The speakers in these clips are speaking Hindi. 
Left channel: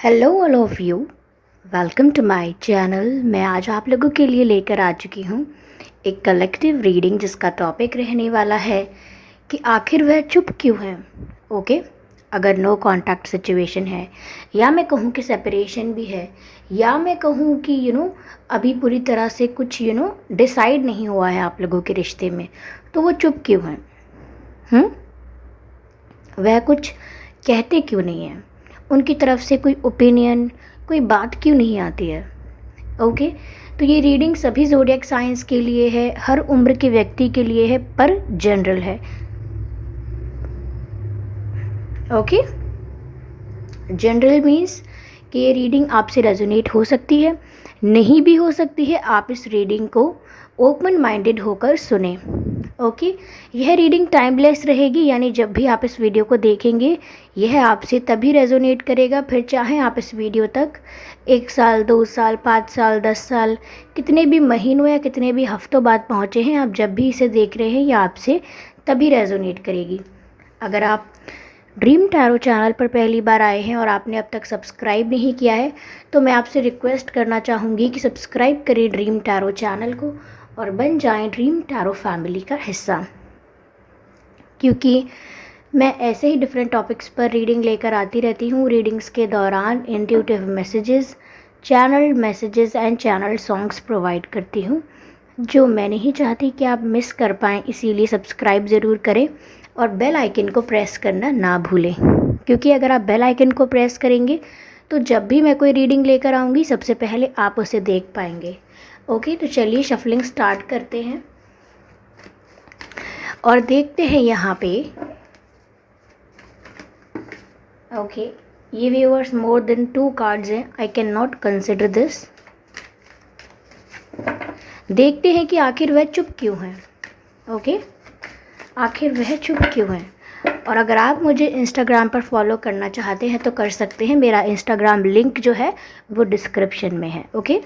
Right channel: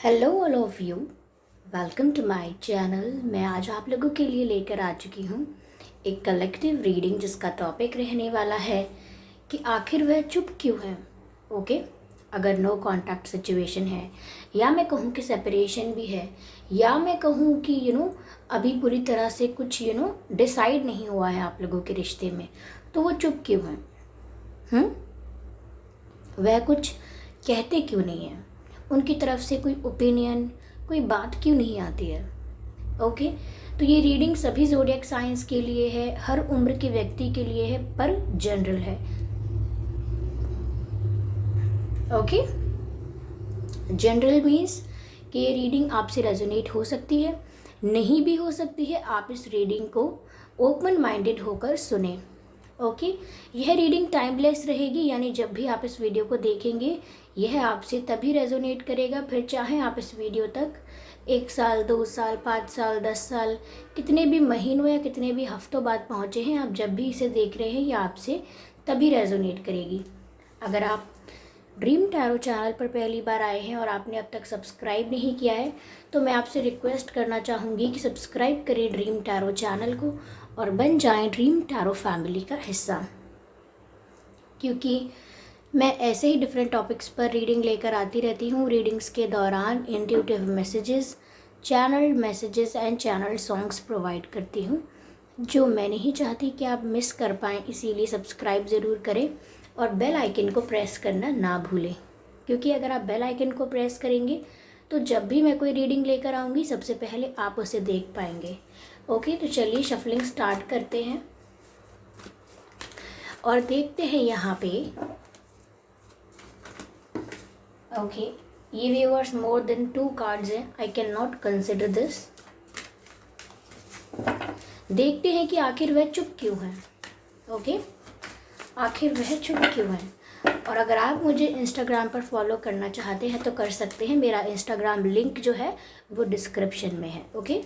Hello all of you, welcome to my channel. मैं आज आप लोगों के लिए लेकर आ चुकी हूँ एक कलेक्टिव रीडिंग जिसका टॉपिक रहने वाला है कि आखिर वह चुप क्यों है। ओके, अगर नो कांटेक्ट सिचुएशन है, या मैं कहूँ कि सेपरेशन भी है, या मैं कहूँ कि अभी पूरी तरह से कुछ डिसाइड नहीं हुआ है आप लोगों के रिश्ते में, तो वो चुप क्यों है? वह कुछ कहते क्यों नहीं हैं? उनकी तरफ से कोई ओपिनियन, कोई बात क्यों नहीं आती है? ओके, तो ये रीडिंग सभी ज़ोडिएक साइंस के लिए है, हर उम्र के व्यक्ति के लिए है, पर जनरल है। ओके, जनरल मीन्स कि ये रीडिंग आपसे रेजोनेट हो सकती है, नहीं भी हो सकती है। आप इस रीडिंग को ओपन माइंडेड होकर सुने। ओके, यह रीडिंग टाइमलेस रहेगी, यानी जब भी आप इस वीडियो को देखेंगे यह आपसे तभी रेजोनेट करेगा, फिर चाहे आप इस वीडियो तक 1 साल, 2 साल, 5 साल, 10 साल, कितने भी महीनों या कितने भी हफ्तों बाद पहुँचे हैं, आप जब भी इसे देख रहे हैं यह आपसे तभी रेजोनेट करेगी। अगर आप ड्रीम टैरो चैनल पर पहली बार आए हैं और आपने अब तक सब्सक्राइब नहीं किया है, तो मैं आपसे रिक्वेस्ट करना चाहूँगी कि सब्सक्राइब करें ड्रीम टैरो चैनल को और बन जाएं ड्रीम टैरो फैमिली का हिस्सा, क्योंकि मैं ऐसे ही डिफरेंट टॉपिक्स पर रीडिंग लेकर आती रहती हूँ। रीडिंग्स के दौरान intuitive messages, channel messages and channel songs provide करती हूँ, जो मैं नहीं चाहती कि आप मिस कर पाएँ। इसीलिए सब्सक्राइब ज़रूर करें और बेल आइकन को प्रेस करना ना भूलें, क्योंकि अगर आप बेल आइकन को प्रेस करेंगे तो जब भी मैं कोई रीडिंग लेकर आऊँगी सबसे पहले आप उसे देख पाएंगे। ओके, तो चलिए शफलिंग स्टार्ट करते हैं और देखते हैं यहाँ पे। ओके, ये व्यूअर्स मोर देन 2 कार्ड्स हैं, I can not consider this. देखते हैं कि आखिर वह चुप क्यों है। ओके, आखिर वह चुप क्यों है। और अगर आप मुझे इंस्टाग्राम पर फॉलो करना चाहते हैं तो कर सकते हैं, मेरा इंस्टाग्राम लिंक जो है वो डिस्क्रिप्शन में है। Okay,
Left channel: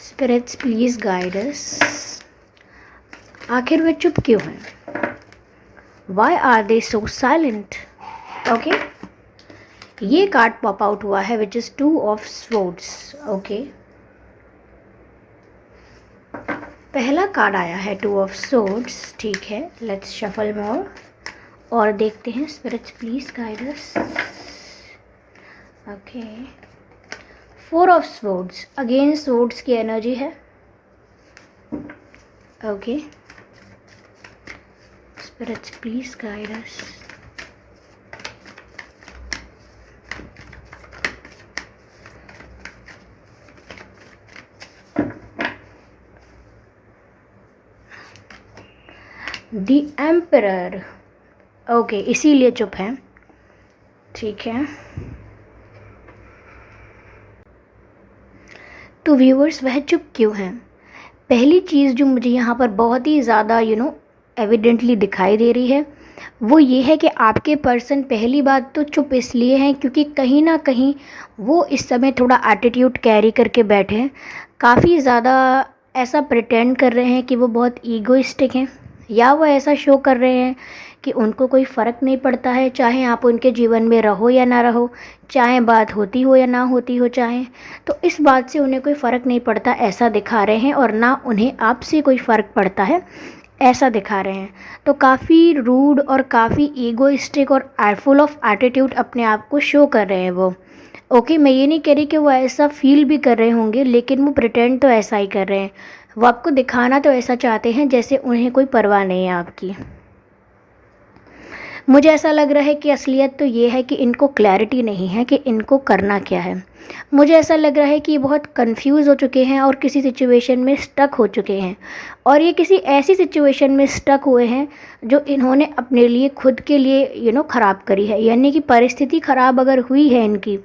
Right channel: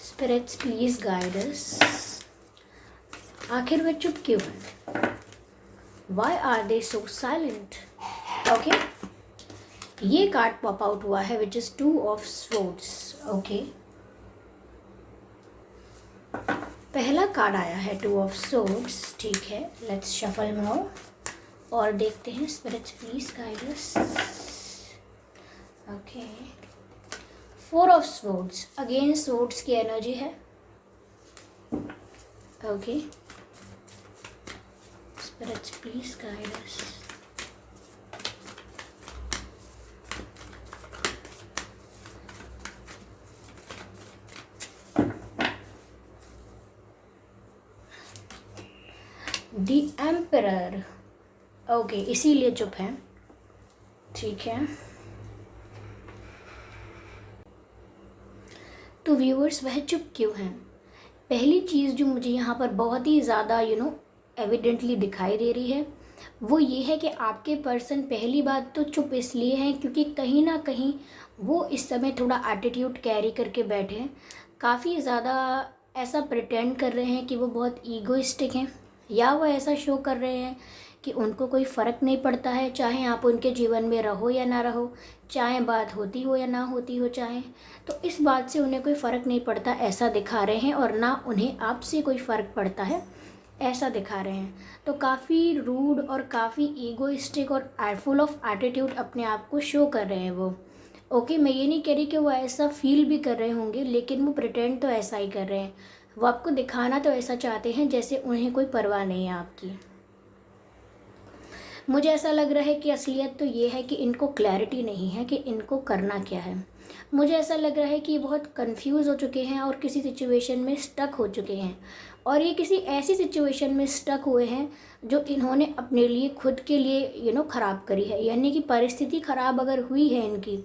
spirits please guide us. आखिर वे चुप क्यों हैं? Why are they so silent? Okay, ये कार्ड पॉप आउट हुआ है which is 2 of swords. Okay, पहला कार्ड आया है 2 ऑफ स्वॉर्ड्स। ठीक है, लेट्स शफल मोर और देखते हैं। Spirits please guide us. Okay, 4 of swords, again swords की एनर्जी है। Okay, spirits please guide us. The emperor. Okay, इसीलिए चुप है। ठीक है, तो व्यूअर्स वह चुप क्यों हैं? पहली चीज़ जो मुझे यहाँ पर बहुत ही ज़्यादा एविडेंटली दिखाई दे रही है वो ये है कि आपके पर्सन पहली बात तो चुप इसलिए हैं क्योंकि कहीं ना कहीं वो इस समय थोड़ा एटीट्यूड कैरी करके बैठे हैं। काफ़ी ज़्यादा ऐसा प्रिटेंड कर रहे हैं कि वो बहुत ईगोइस्टिक हैं, या वो ऐसा शो कर रहे हैं कि उनको कोई फ़र्क नहीं पड़ता है, चाहे आप उनके जीवन में रहो या ना रहो, चाहे बात होती हो या ना होती हो, चाहे तो इस बात से उन्हें कोई फ़र्क नहीं पड़ता ऐसा दिखा रहे हैं, और ना उन्हें आपसे कोई फ़र्क पड़ता है ऐसा दिखा रहे हैं। तो काफ़ी रूड और काफ़ी ईगोइस्टिक और फुल ऑफ एटीट्यूड अपने आप को शो कर रहे हैं वो। ओके, मैं ये नहीं कह रही कि वो ऐसा फील भी कर रहे होंगे, लेकिन वो प्रिटेंड तो ऐसा ही कर रहे हैं। वो आपको दिखाना तो ऐसा चाहते हैं जैसे उन्हें कोई परवाह नहीं है आपकी। मुझे ऐसा लग रहा है कि असलियत तो ये है कि इनको क्लैरिटी नहीं है कि इनको करना क्या है। मुझे ऐसा लग रहा है कि ये बहुत कंफ्यूज हो चुके हैं और किसी सिचुएशन में स्टक हो चुके हैं, और ये किसी ऐसी सिचुएशन में स्टक हुए हैं जो इन्होंने अपने लिए खुद के लिए ख़राब करी है। यानी कि परिस्थिति ख़राब अगर हुई है इनकी,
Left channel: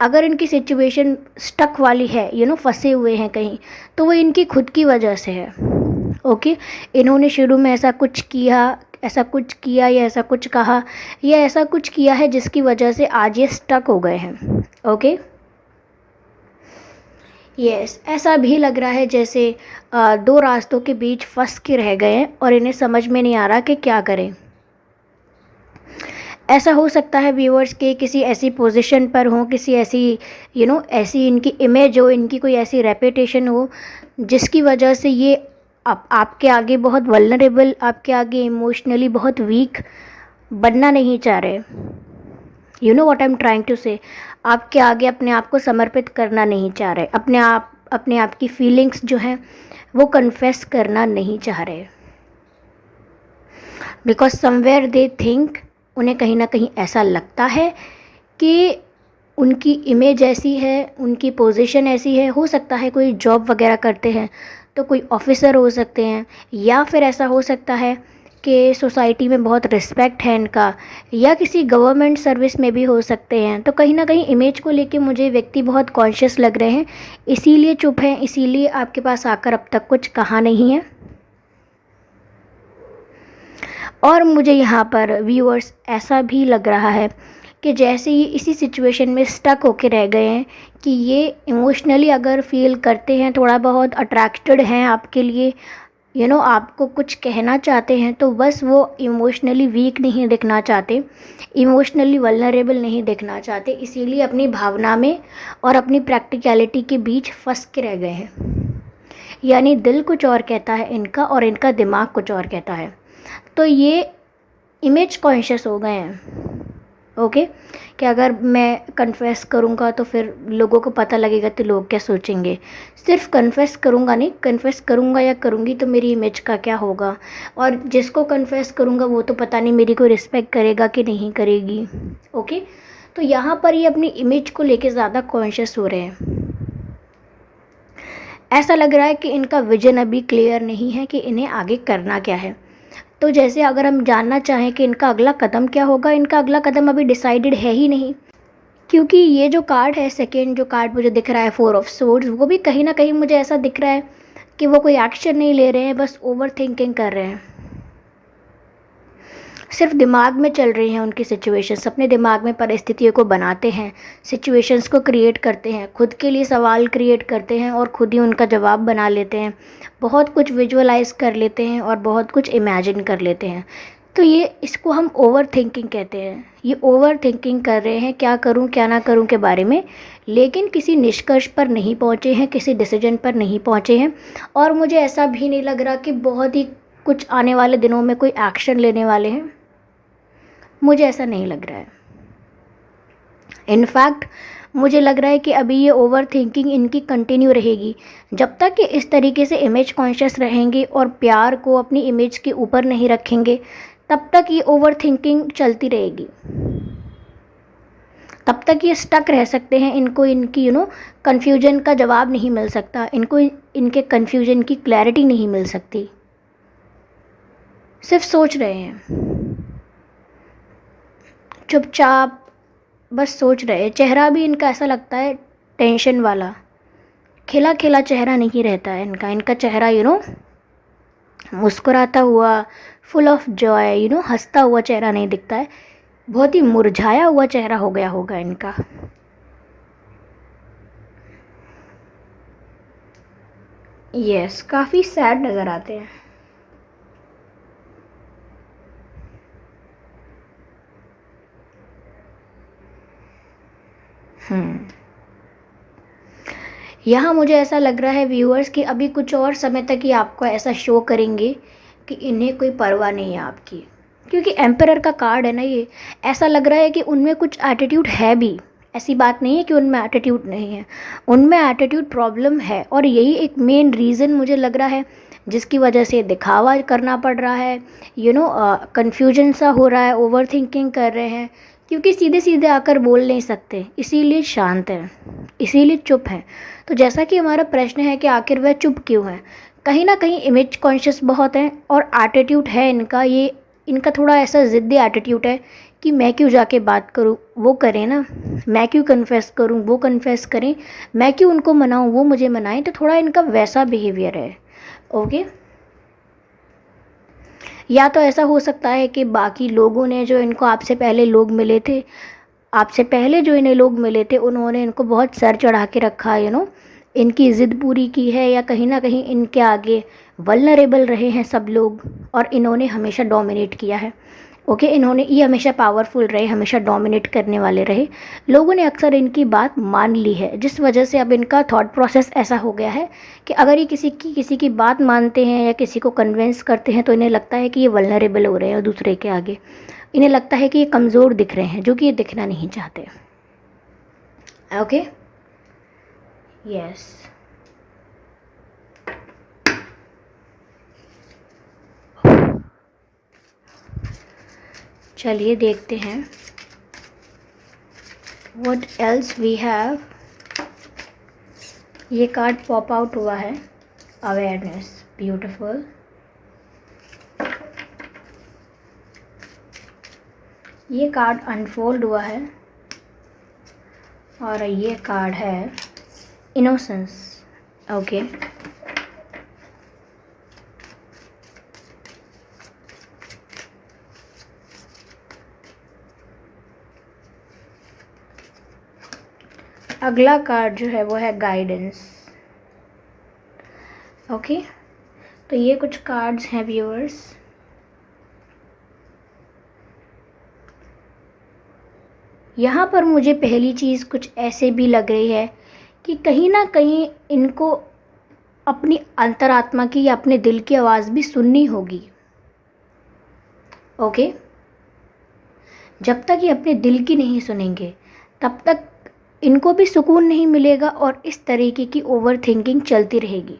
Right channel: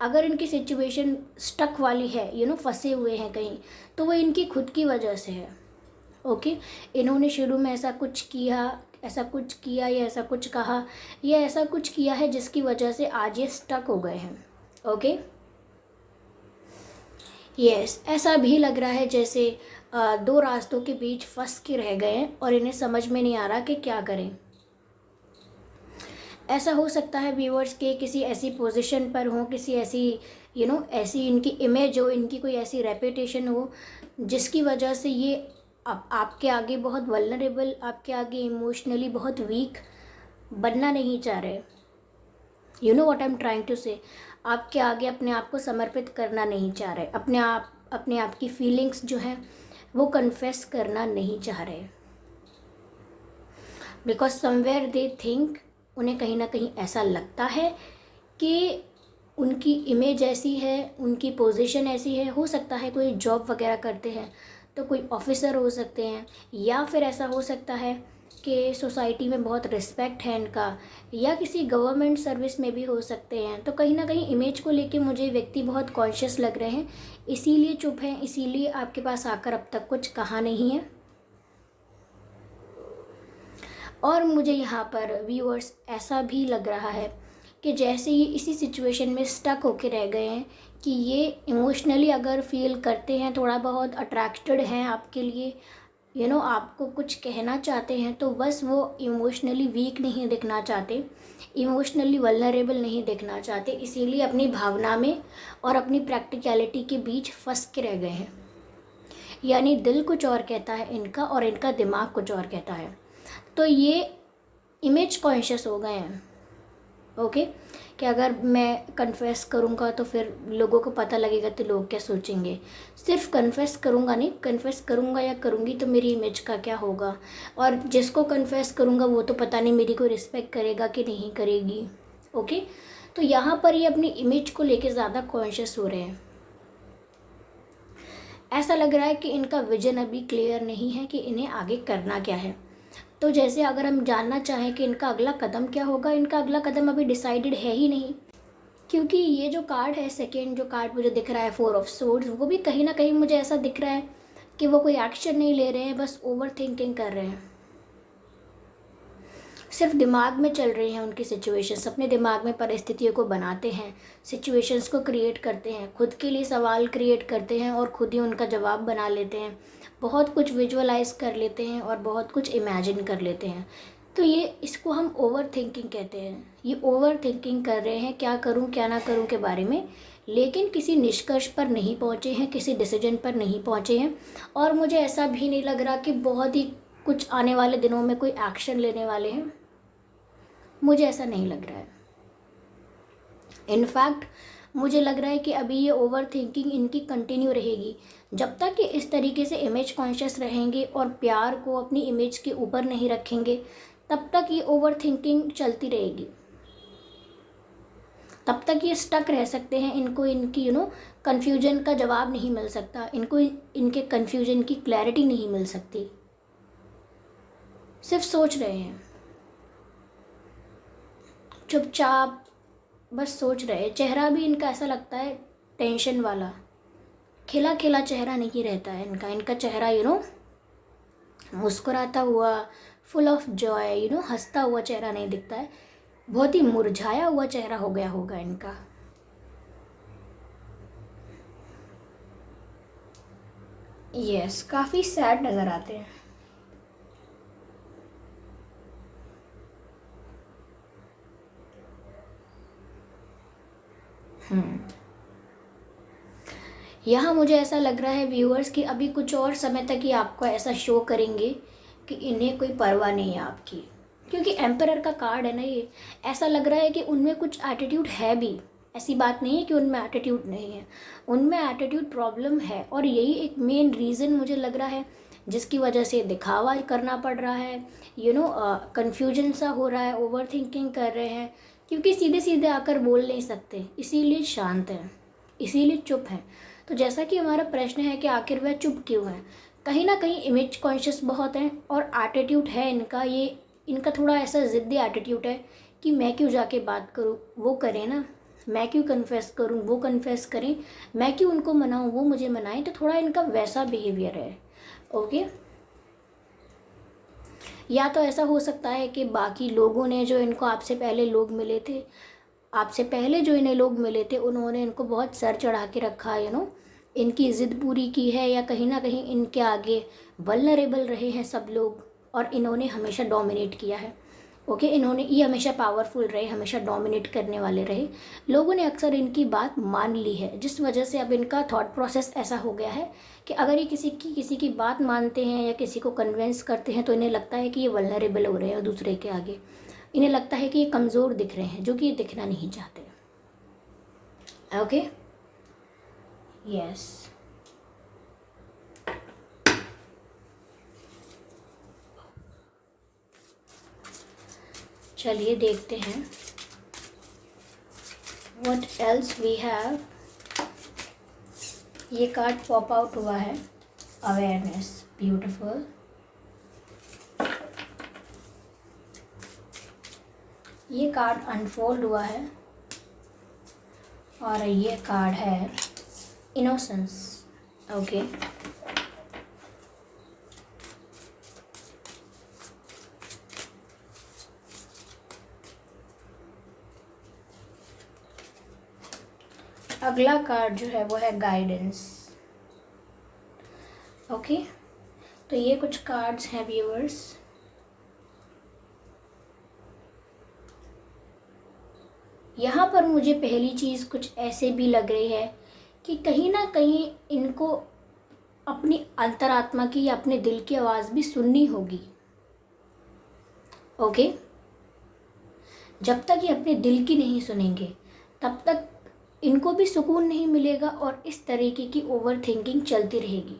अगर इनकी सिचुएशन स्टक वाली है, फंसे हुए हैं कहीं, तो वो इनकी खुद की वजह से है। ओके, इन्होंने शुरू में ऐसा कुछ किया, ऐसा कुछ किया या ऐसा कुछ कहा या ऐसा कुछ किया है जिसकी वजह से आज ये स्टक हो गए हैं। ओके, यस, ऐसा भी लग रहा है जैसे दो रास्तों के बीच फंस के रह गए हैं और इन्हें समझ में नहीं आ रहा कि क्या करें। ऐसा हो सकता है व्यूअर्स के किसी ऐसी पोजीशन पर हों, किसी ऐसी ऐसी इनकी इमेज हो, इनकी कोई ऐसी रेपुटेशन हो जिसकी वजह से ये आपके आगे बहुत वल्नरेबल, आपके आगे इमोशनली बहुत वीक बनना नहीं चाह रहे। You know what I am trying to say, आपके आगे अपने आप को समर्पित करना नहीं चाह रहे, अपने आप की फीलिंग्स जो हैं वो कन्फेस करना नहीं चाह रहे, बिकॉज समवेयर दे थिंक, उन्हें कहीं ना कहीं ऐसा लगता है कि उनकी इमेज ऐसी है, उनकी पोजीशन ऐसी है। हो सकता है कोई जॉब वगैरह करते हैं तो कोई ऑफिसर हो सकते हैं, या फिर ऐसा हो सकता है कि सोसाइटी में बहुत रिस्पेक्ट है इनका, या किसी गवर्नमेंट सर्विस में भी हो सकते हैं। तो कहीं ना कहीं इमेज को लेके मुझे व्यक्ति बहुत कॉन्शियस लग रहे हैं, इसीलिए चुप हैं, इसीलिए आपके पास आकर अब तक कुछ कहा नहीं है। और मुझे यहाँ पर व्यूअर्स ऐसा भी लग रहा है कि जैसे ये इसी सिचुएशन में स्टक होके रह गए हैं कि ये इमोशनली अगर फील करते हैं, थोड़ा बहुत अट्रैक्टेड हैं आपके लिए, आपको कुछ कहना चाहते हैं, तो बस वो इमोशनली वीक नहीं दिखना चाहते, इमोशनली वल्नरेबल नहीं दिखना चाहते, इसीलिए अपनी भावना में और अपनी प्रैक्टिकलिटी के बीच फंस के रह गए हैं। यानी दिल कुछ और कहता है इनका और इनका दिमाग कुछ और कहता है। तो ये इमेज कॉन्शियस हो गए हैं। ओके, कि अगर मैं कन्फेस करूँगा तो फिर लोगों को पता लगेगा तो लोग क्या सोचेंगे। सिर्फ कन्फेस करूँगा नहीं, कन्फेस करूँगा या करूँगी तो मेरी इमेज का क्या होगा, और जिसको कन्फेस करूँगा वो तो पता नहीं मेरी कोई रिस्पेक्ट करेगा कि नहीं करेगी। ओके, तो यहाँ पर ये अपनी इमेज को लेके ज़्यादा कॉन्शियस हो रहे हैं। ऐसा लग रहा है कि इनका विजन अभी क्लियर नहीं है कि इन्हें आगे करना क्या है। तो जैसे अगर हम जानना चाहें कि इनका अगला कदम क्या होगा, इनका अगला कदम अभी डिसाइडेड है ही नहीं, क्योंकि ये जो कार्ड है, सेकेंड जो कार्ड मुझे दिख रहा है, 4 ऑफ सोर्ड्स, वो भी कहीं ना कहीं मुझे ऐसा दिख रहा है कि वो कोई एक्शन नहीं ले रहे हैं, बस ओवर थिंकिंग कर रहे हैं, सिर्फ दिमाग में चल रही हैं उनकी सिचुएशंस, अपने दिमाग में परिस्थितियों को बनाते हैं, सिचुएशंस को क्रिएट करते हैं, खुद के लिए सवाल क्रिएट करते हैं और खुद ही उनका जवाब बना लेते हैं, बहुत कुछ विजुअलाइज कर लेते हैं और बहुत कुछ इमेजिन कर लेते हैं। तो ये इसको हम ओवर थिंकिंग कहते हैं। ये ओवर थिंकिंग कर रहे हैं, क्या करूं क्या ना करूं के बारे में, लेकिन किसी निष्कर्ष पर नहीं पहुंचे हैं, किसी डिसीजन पर नहीं पहुंचे हैं। और मुझे ऐसा भी नहीं लग रहा कि बहुत ही कुछ आने वाले दिनों में कोई एक्शन लेने वाले हैं, मुझे ऐसा नहीं लग रहा है। इनफैक्ट मुझे लग रहा है कि अभी ये ओवर थिंकिंग इनकी कंटिन्यू रहेगी, जब तक कि इस तरीके से इमेज कॉन्शियस रहेंगे और प्यार को अपनी इमेज के ऊपर नहीं रखेंगे, तब तक ये ओवर थिंकिंग चलती रहेगी, तब तक ये स्टक रह सकते हैं। इनको इनकी कन्फ्यूजन का जवाब नहीं मिल सकता, इनको इनके कन्फ्यूजन की क्लैरिटी नहीं मिल सकती, सिर्फ सोच रहे हैं चुपचाप, बस सोच रहे हैं। चेहरा भी इनका ऐसा लगता है टेंशन वाला, खिला खिला चेहरा नहीं रहता है इनका चेहरा मुस्कुराता हुआ, फुल ऑफ जॉय, हंसता हुआ चेहरा नहीं दिखता है, बहुत ही मुरझाया हुआ चेहरा हो गया होगा इनका। यस, काफ़ी सैड नज़र आते हैं। यहाँ मुझे ऐसा लग रहा है व्यूअर्स कि अभी कुछ और समय तक ही आपको ऐसा शो करेंगे कि इन्हें कोई परवाह नहीं है आपकी, क्योंकि एम्परर का कार्ड है ना ये। ऐसा लग रहा है कि उनमें कुछ एटीट्यूड है भी, ऐसी बात नहीं है कि उनमें एटीट्यूड नहीं है, उनमें एटीट्यूड प्रॉब्लम है। और यही एक मेन रीज़न मुझे लग रहा है जिसकी वजह से दिखावा करना पड़ रहा है, कन्फ्यूजन सा हो रहा है, ओवर थिंकिंग कर रहे हैं, क्योंकि सीधे सीधे आकर बोल नहीं सकते, इसीलिए शांत हैं, इसीलिए चुप हैं। तो जैसा कि हमारा प्रश्न है कि आखिर वह चुप क्यों है, कहीं ना कहीं इमेज कॉन्शियस बहुत हैं और एटीट्यूड है इनका, ये इनका थोड़ा ऐसा ज़िद्दी एटीट्यूड है कि मैं क्यों जाके बात करूं, वो करें ना, मैं क्यों कन्फेस करूं, वो कन्फेस करें, मैं क्यों उनको मनाऊं, वो मुझे मनाएं। तो थोड़ा इनका वैसा बिहेवियर है। ओके, या तो ऐसा हो सकता है कि बाकी लोगों ने, जो इनको आपसे पहले लोग मिले थे, आपसे पहले जो इन्हें लोग मिले थे, उन्होंने इनको बहुत सर चढ़ा के रखा, इनकी ज़िद पूरी की है, या कहीं ना कहीं इनके आगे वल्नरेबल रहे हैं सब लोग और इन्होंने हमेशा डोमिनेट किया है। ओके, इन्होंने ये हमेशा पावरफुल रहे, हमेशा डोमिनेट करने वाले रहे, लोगों ने अक्सर इनकी बात मान ली है, जिस वजह से अब इनका थॉट प्रोसेस ऐसा हो गया है कि अगर ये किसी की बात मानते हैं या किसी को कन्विंस करते हैं तो इन्हें लगता है कि ये वल्नरेबल हो रहे हैं दूसरे के आगे, इन्हें लगता है कि ये कमज़ोर दिख रहे हैं, जो कि ये दिखना नहीं चाहते। Okay, yes. चलिए देखते हैं व्हाट एल्स वी हैव। ये कार्ड पॉप आउट हुआ है, अवेयरनेस, ब्यूटीफुल। ये कार्ड अनफोल्ड हुआ है और ये कार्ड है इनोसेंस। ओके, अगला कार्ड जो है वो है गाइडेंस। ओके, तो ये कुछ कार्ड्स हैं व्यूअर्स। यहाँ पर मुझे पहली चीज़ कुछ ऐसे भी लग रही है कि कहीं ना कहीं इनको अपनी अंतरात्मा की या अपने दिल की आवाज़ भी सुननी होगी। ओके, जब तक ये अपने दिल की नहीं सुनेंगे तब तक इनको भी सुकून नहीं मिलेगा और इस तरीके की ओवर थिंकिंग चलती रहेगी।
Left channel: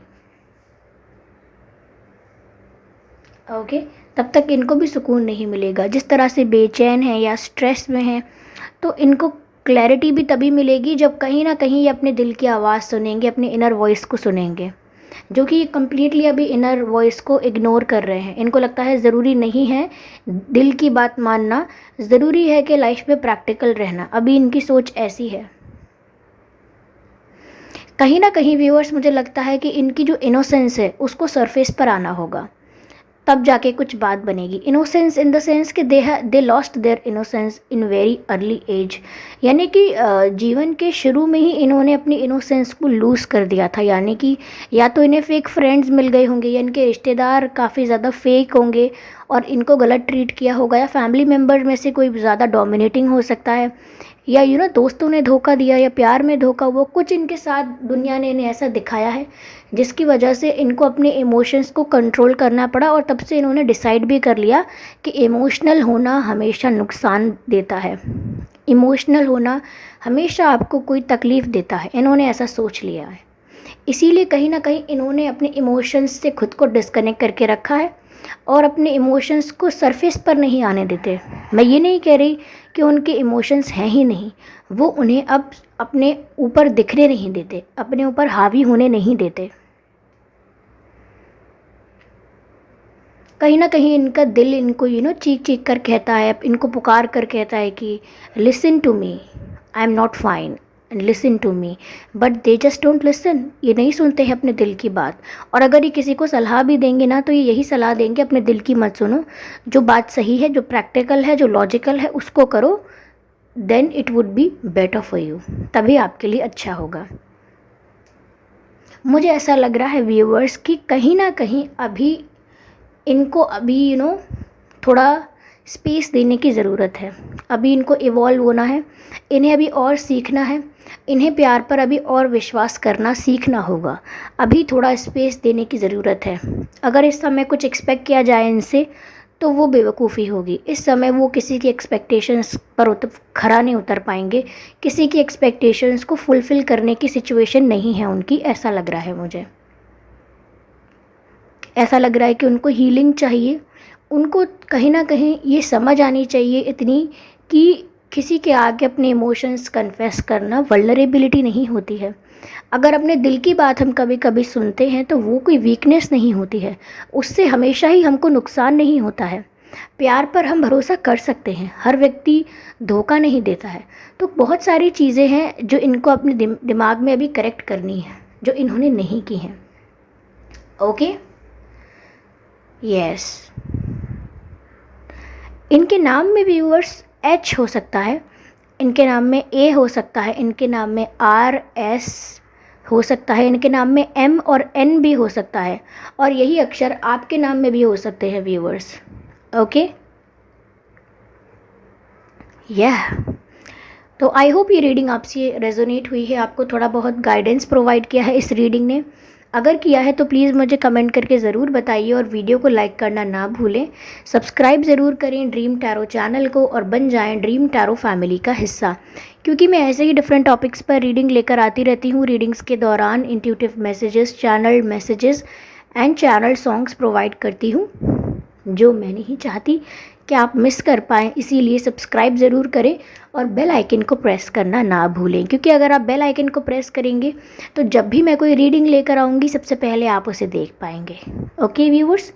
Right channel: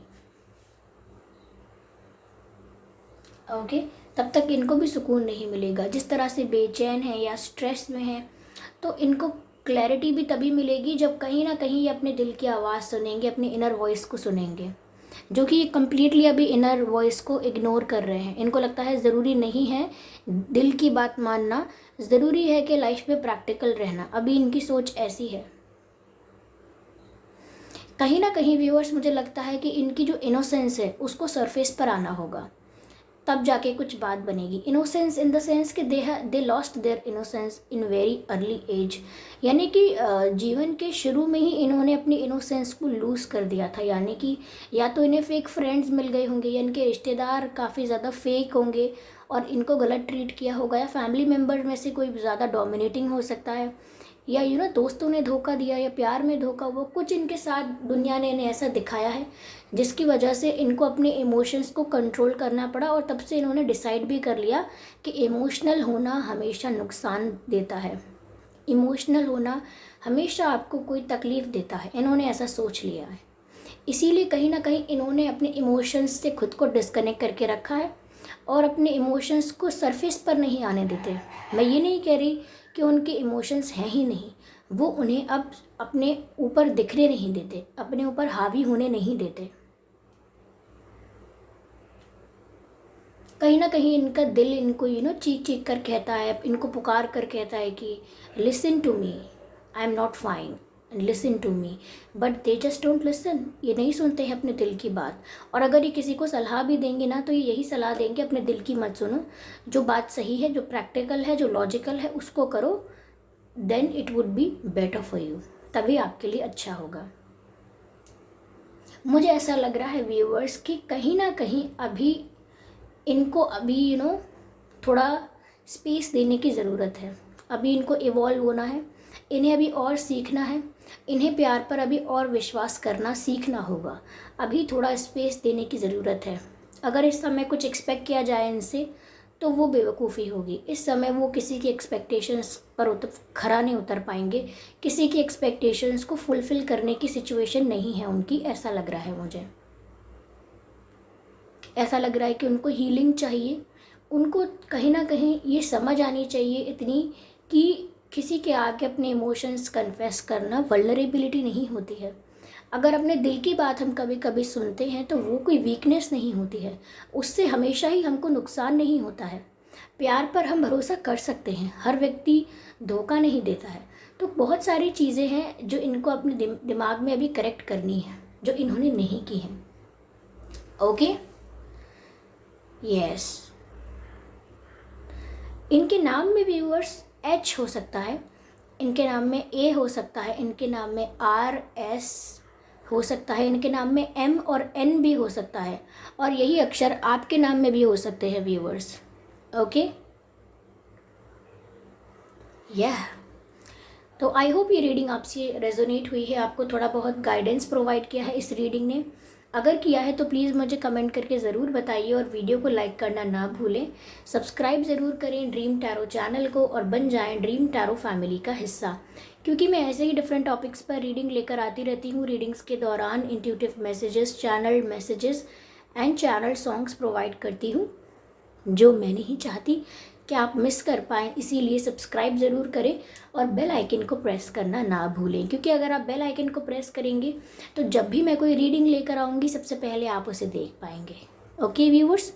ओके, तब तक इनको भी सुकून नहीं मिलेगा। जिस तरह से बेचैन है या स्ट्रेस में है, तो इनको क्लैरिटी भी तभी मिलेगी जब कहीं ना कहीं ये अपने दिल की आवाज़ सुनेंगे, अपने इनर वॉइस को सुनेंगे, जो कि ये कम्प्लीटली अभी इनर वॉइस को इग्नोर कर रहे हैं। इनको लगता है ज़रूरी नहीं है दिल की बात मानना, ज़रूरी है कि लाइफ में प्रैक्टिकल रहना। अभी इनकी सोच ऐसी है। कहीं ना कहीं व्यूअर्स, मुझे लगता है कि इनकी जो इनोसेंस है उसको सरफेस पर आना होगा, तब जाके कुछ बात बनेगी। इनोसेंस इन द सेंस कि they lost their innocence in very early age, यानी कि जीवन के शुरू में ही इन्होंने अपनी इनोसेंस को लूज़ कर दिया था। यानी कि या तो इन्हें फेक फ्रेंड्स मिल गए होंगे, या इनके रिश्तेदार काफ़ी ज़्यादा फेक होंगे और इनको गलत ट्रीट किया होगा, या फैमिली मेम्बर में से कोई ज़्यादा डोमिनेटिंग हो सकता है, या दोस्तों ने धोखा दिया, या प्यार में धोखा, वो कुछ इनके साथ दुनिया ने इन्हें ऐसा दिखाया है जिसकी वजह से इनको अपने इमोशंस को कंट्रोल करना पड़ा। और तब से इन्होंने डिसाइड भी कर लिया कि इमोशनल होना हमेशा नुकसान देता है, इमोशनल होना हमेशा आपको कोई तकलीफ़ देता है। इन्होंने ऐसा सोच लिया है, इसीलिए कहीं ना कहीं इन्होंने अपने इमोशंस से खुद को डिस्कनेक्ट करके रखा है और अपने इमोशंस को सरफेस पर नहीं आने देते। मैं ये नहीं कह रही कि उनके इमोशंस हैं ही नहीं, वो उन्हें अब अपने ऊपर दिखने नहीं देते, अपने ऊपर हावी होने नहीं देते। कहीं ना कहीं इनका दिल इनको चीख चीख कर कहता है, इनको पुकार कर कहता है कि listen to me, I am not fine, listen to me, but they just don't listen. ये नहीं सुनते हैं अपने दिल की बात। और अगर ये किसी को सलाह भी देंगे ना, तो ये यही सलाह देंगे, अपने दिल की मत सुनो, जो बात सही है, जो प्रैक्टिकल है, जो लॉजिकल है, उसको करो, then it would be better for you, तभी आपके लिए अच्छा होगा। मुझे ऐसा लग रहा है व्यूअर्स कि कहीं ना कहीं अभी इनको थोड़ा स्पेस देने की ज़रूरत है। अभी इनको इवॉल्व होना है, इन्हें अभी और सीखना है, इन्हें प्यार पर अभी और विश्वास करना सीखना होगा। अभी थोड़ा स्पेस देने की ज़रूरत है। अगर इस समय कुछ एक्सपेक्ट किया जाए इनसे तो वो बेवकूफ़ी होगी। इस समय वो किसी की एक्सपेक्टेशंस पर खरा नहीं उतर पाएंगे, किसी की एक्सपेक्टेशंस को फुलफ़िल करने की सिचुएशन नहीं है उनकी, ऐसा लग रहा है मुझे। ऐसा लग रहा है कि उनको हीलिंग चाहिए, उनको कहीं ना कहीं ये समझ आनी चाहिए इतनी कि किसी के आगे अपने इमोशंस कन्फेस करना वल्नरेबिलिटी नहीं होती है। अगर अपने दिल की बात हम कभी कभी सुनते हैं तो वो कोई वीकनेस नहीं होती है, उससे हमेशा ही हमको नुकसान नहीं होता है। प्यार पर हम भरोसा कर सकते हैं, हर व्यक्ति धोखा नहीं देता है। तो बहुत सारी चीज़ें हैं जो इनको अपने दिमाग में अभी करेक्ट करनी है, जो इन्होंने नहीं की हैं। Okay, yes. इनके नाम में व्यूअर्स एच हो सकता है, इनके नाम में ए हो सकता है, इनके नाम में आर एस हो सकता है इनके नाम में M और N भी हो सकता है, और यही अक्षर आपके नाम में भी हो सकते हैं व्यूअर्स। ओके, यह तो आई होप ये रीडिंग आपसे रेजोनेट हुई है, आपको थोड़ा बहुत गाइडेंस प्रोवाइड किया है इस रीडिंग ने। अगर किया है तो प्लीज़ मुझे कमेंट करके ज़रूर बताइए, और वीडियो को लाइक करना ना भूलें। सब्सक्राइब ज़रूर करें ड्रीम टैरो चैनल को और बन जाएं ड्रीम टैरो फैमिली का हिस्सा, क्योंकि मैं ऐसे ही डिफरेंट टॉपिक्स पर रीडिंग लेकर आती रहती हूँ। रीडिंग्स के दौरान intuitive messages, channel messages and channel songs provide करती हूँ, जो मैं नहीं चाहती कि आप मिस कर पाएँ। इसीलिए सब्सक्राइब ज़रूर करें और बेल आइकन को प्रेस करना ना भूलें, क्योंकि अगर आप बेल आइकन को प्रेस करेंगे तो जब भी मैं कोई रीडिंग लेकर आऊँगी सबसे पहले आप उसे देख पाएंगे। ओके व्यूअर्स,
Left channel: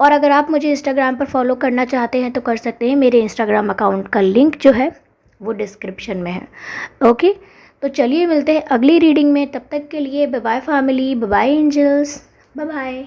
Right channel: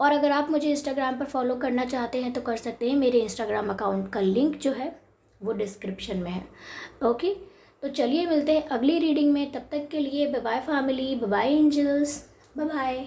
और अगर आप मुझे इंस्टाग्राम पर फॉलो करना चाहते हैं तो कर सकते हैं। मेरे इंस्टाग्राम अकाउंट का लिंक जो है वो डिस्क्रिप्शन में है। ओके, तो चलिए मिलते हैं अगली रीडिंग में। तब तक के लिए bye bye family, bye bye angels, bye bye.